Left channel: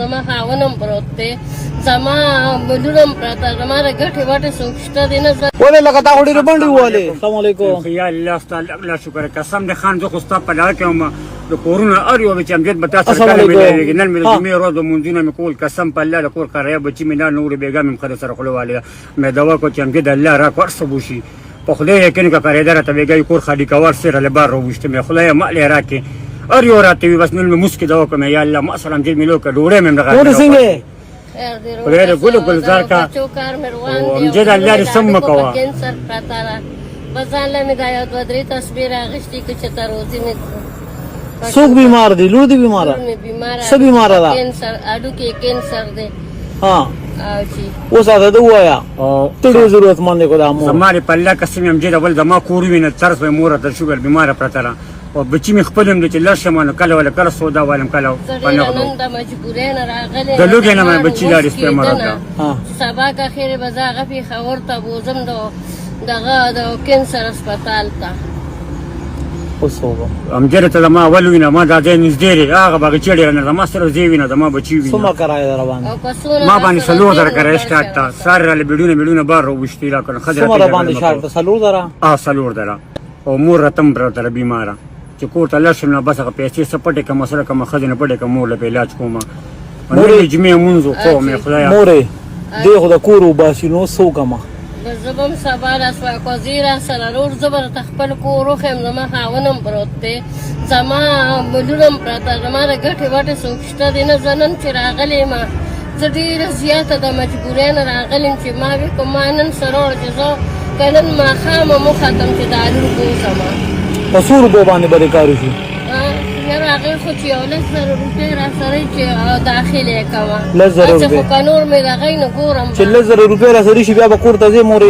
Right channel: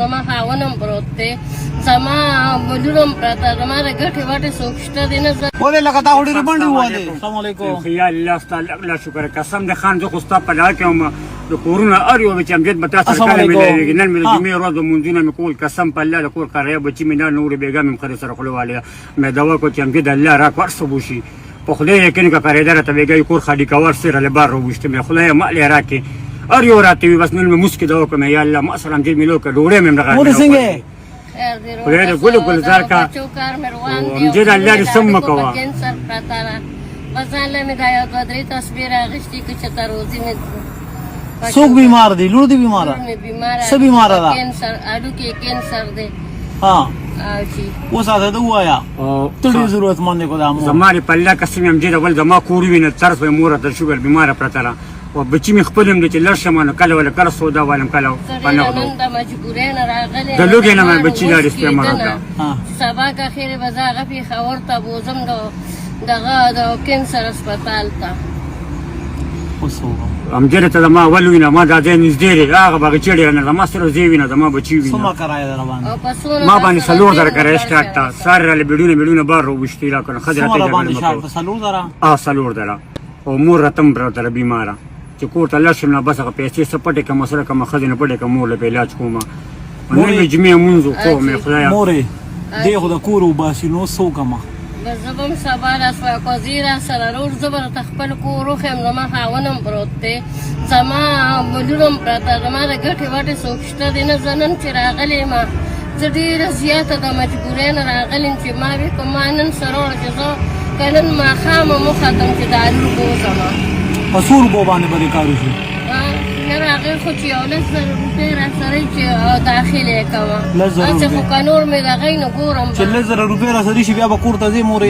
زما خاونم پروت دی زما بلونم پراته زما د ګټې وټې څوک شته دی نه ولې لکه تا خو ډېرې بنډې ووهلې. السلام علیکم. یا الله ستا الله شکر قسم د خان زه خو ستا په لاره کې وم د کورونه هر یو چې امجد به تا سره کله ملېږي نن مې د جمعې ورځ لمونځونه مې کول قسم په الله د کور کاریا بچي مې نه نورې بېګا مې خدای سره خوله والې مې دوا کړه چې امجد الله راکړه هر څه وشي په خدای یقین که کارېده راته بېګا کور خالي کوه سره له بار راوویسته مې خدایه مالې راکړې هر یو راته وي بس نن مې مسکې دوا کړم یا الله ما سره امجد مې لو کړه ډوډۍ مې مورې څنګه خدای دې ګل ګلزار کا امجد الله دې سم کوه کینسر پراته ده بځانله مې دا یو دوه درې تصویر اخیستې که چې ته روزي مې څوک بیمار دی؟ لور دی بیماره؟ څه بیماره ده؟ کینسر هډوکي کینسر دی. ها اوس هغه ته ووایه ته ډېر ضرورتمند دی که دا مور زما دې په الله قسم امجد اول زما کور وینه طرز به مور ته شوګر بیماره پرته ده او بچي مې خپل هم دی چې لږ شم نو کله ولا کله سودا والم کله د لوګې نه مې بچي لاړې استعمال وکړه سبا که خیر به زه هغه پېښور ته بوځم دغه د کینسر هسپتال ته اوس وګوره امجد ته زما اول وینه ما دا ځای نږدې دی هغه باغچې ډېره نه زما سره زه وینه زما بچي وینه څومره کرایه ده راباندې ما باندې 4000 کرایه سټارټ ته ساري راله بیډونه بار راوویشتې را کړه ښځه څومره باندې شاړ ته 4000 او مور رتم پراته بیماره چې کور ته لاړ شم نه بس هغه پیسې څه پټې کړم مسله کومه ښځې نه پټې کړم مور له به علاج کومه نن جمعې لمونځ وکړو مې خدایه مورې دې خو د کور وباسي نو څه وکړمه زه به هم سبا راسوه قاضي راسره رور زه به راته خپل کور وښیم زما خاونم پروت دی زما بلونم پراته زما د ګټې وټې څوک شته دی نه زه نن چې راغلی یم زه ډېره زیاته د مجبورۍ نه راغلی یم چې ما وې که ما نن سره وړه چې زه که نن ماښامه مو ختم چې دا لور بوځمه په څو روپو باندې به دې کار وشي یاره هغې خو چې یو 10,000 روپۍ راسره یي چې داخل یې کوه 10,000 چې خو که نور مې د هغې نه ګورم چې 10,000 روپۍ راسره شي بیا به کور ته ځې مورې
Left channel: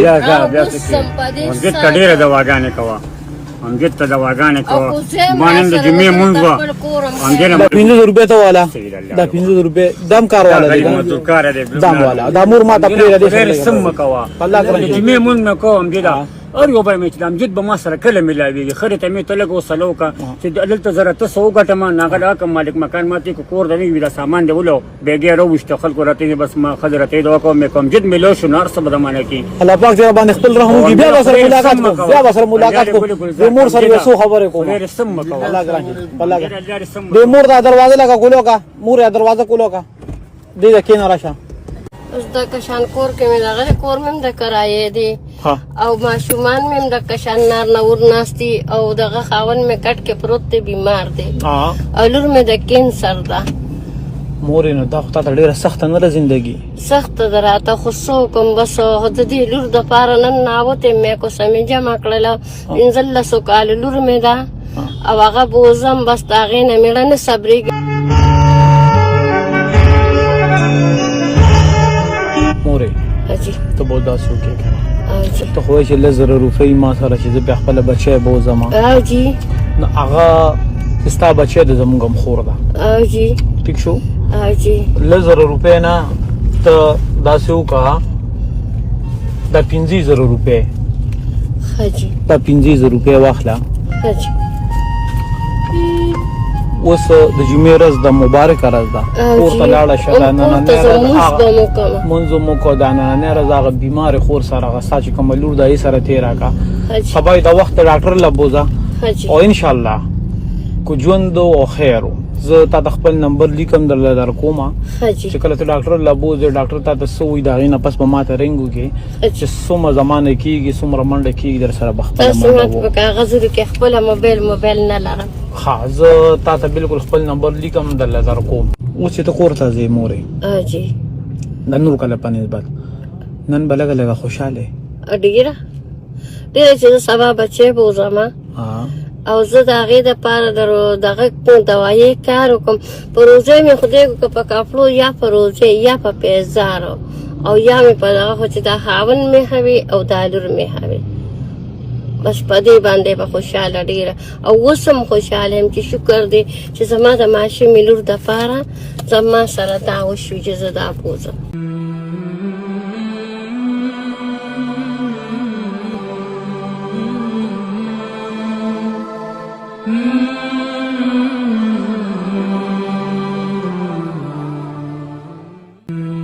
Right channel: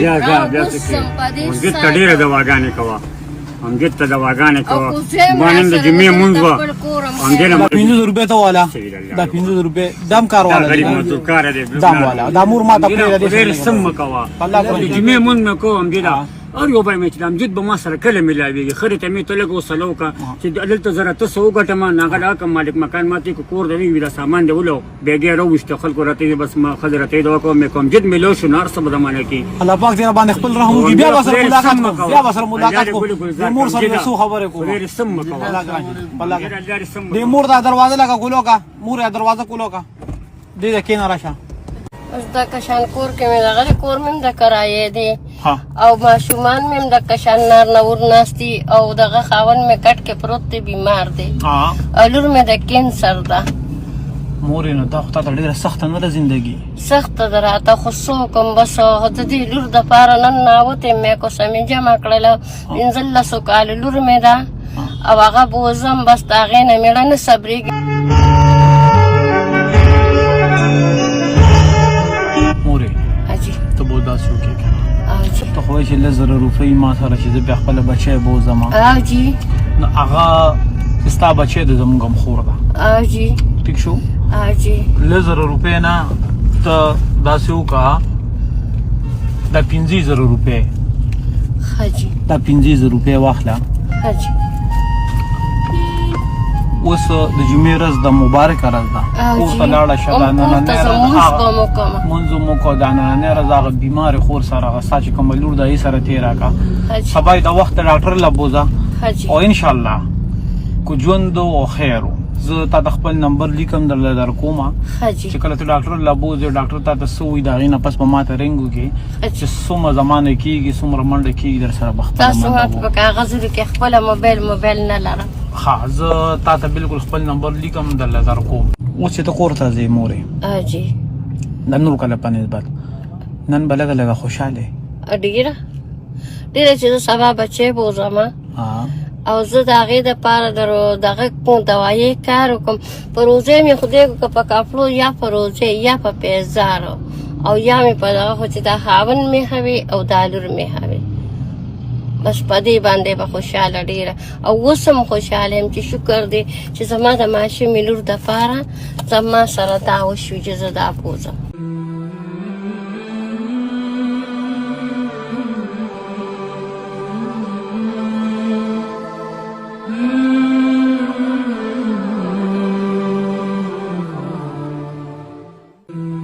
امجد ته ډېره دواګانې کوه امجد ته دواګانې کوه ما نن د جمعې لمونځ وه دا 500 روپۍ ته والا دا 500 روپۍ دم کار والا دی دم والا دا مور ما ته پرېږده ډېر سم مه کوه د جمعې لمونځ مې کوه امجده هر یو به مې چې د امجد به ما سره کله ملاوېږي خرې ته مې ته لږ وسله وکړه چې دلته زره ته څه وګټم هغه د حق مالک مکان ماته که کور د وي دا سامان دی ولو بېګې راوویسته خلکو راته بس ما ښځې راته یې دوا کوم مې کوم جد مې لو شو نو هر څه به درمانه کړي الله پاک دې باندې خپل رحم وکړي بیا به سره ملاقات کوم بیا به سره ملاقات کوم د مور سره یې څو خبرې کوم ډېر سم مه کوه الله ګرانې د مور دا دروازه لکه کولو کا مور یا دروازه کولو کا دې کېنه راشه اوس د کشان کور کې مې دغه کور مې هم د کرایې دی او ماشومان مې هم د کشان نار نور ناست دي او دغه خاوند مې کټ کې پروت دی بیمار دی او لور مې د کینسر ده مورې نو دا خو تا ته ډېره سخته نه ده زندګي سخته ده راته خو څه وکړم بس د دې لور دپاره نن ناوتې مې کوسه مې جمع کړله 15 کاله لور مې ده او هغه بوځم بس د هغې نه مېړه نه صبرېږي مورې ته به داسې وکړې ته خو وایې چې 10,000 روپۍ ما سره چې زه بیا خپله بچی بوځم نو هغه ستا بچی د زموږ هم خور ده ټیک شو 10,000 روپۍ نه ته داسې وکړه دا 15,000 روپۍ دا 15,000 روپۍ واخله اوس د جمعې ورځ د مبارکه ورځ ده کور ته لاړه شه دا مونځ مو کو دا نننۍ ورځ هغه بیمارې خور سره هغه ستا چې کومه لور ده هغې سره تېره کړه سبا یې د وخته ډاکټر له بوځه او انشاءالله که ژوند او خیر زه تا ته خپل نمبر لیکم درله در کومه چې کله ته ډاکټر له بوځې ډاکټر تا ته څه وایي د هغې نه پس به ما ته رنګ وکړي چې څومره زمانه کېږي څومره منډه کېږي در سره به تاسو ماته په کاغذونو کې خپله موبایل نه لرم ښه زه تا ته بلکل خپل نمبر لیکم درله در کوم اوس چې ته کور ته ځې مورې د نور کله په نسبت نن به لږه لږه خوشحاله ډېره چې زه سبا بچی بوځم او زه د هغې دپاره دغه دوایي کار وکړم په روژې مې خدای که په کاپلو یا په روژې یا په پیزارو او یا مې په دغه خو چې دا خاوند مې هوي او دا لور مې هوي بس په دې باندې به خوشحاله ډېره او اوس هم خوشحاله یم چې شکر دی چې زما د ماشومې لور دپاره زما سره دا وشوي چې زه دا بوځم ته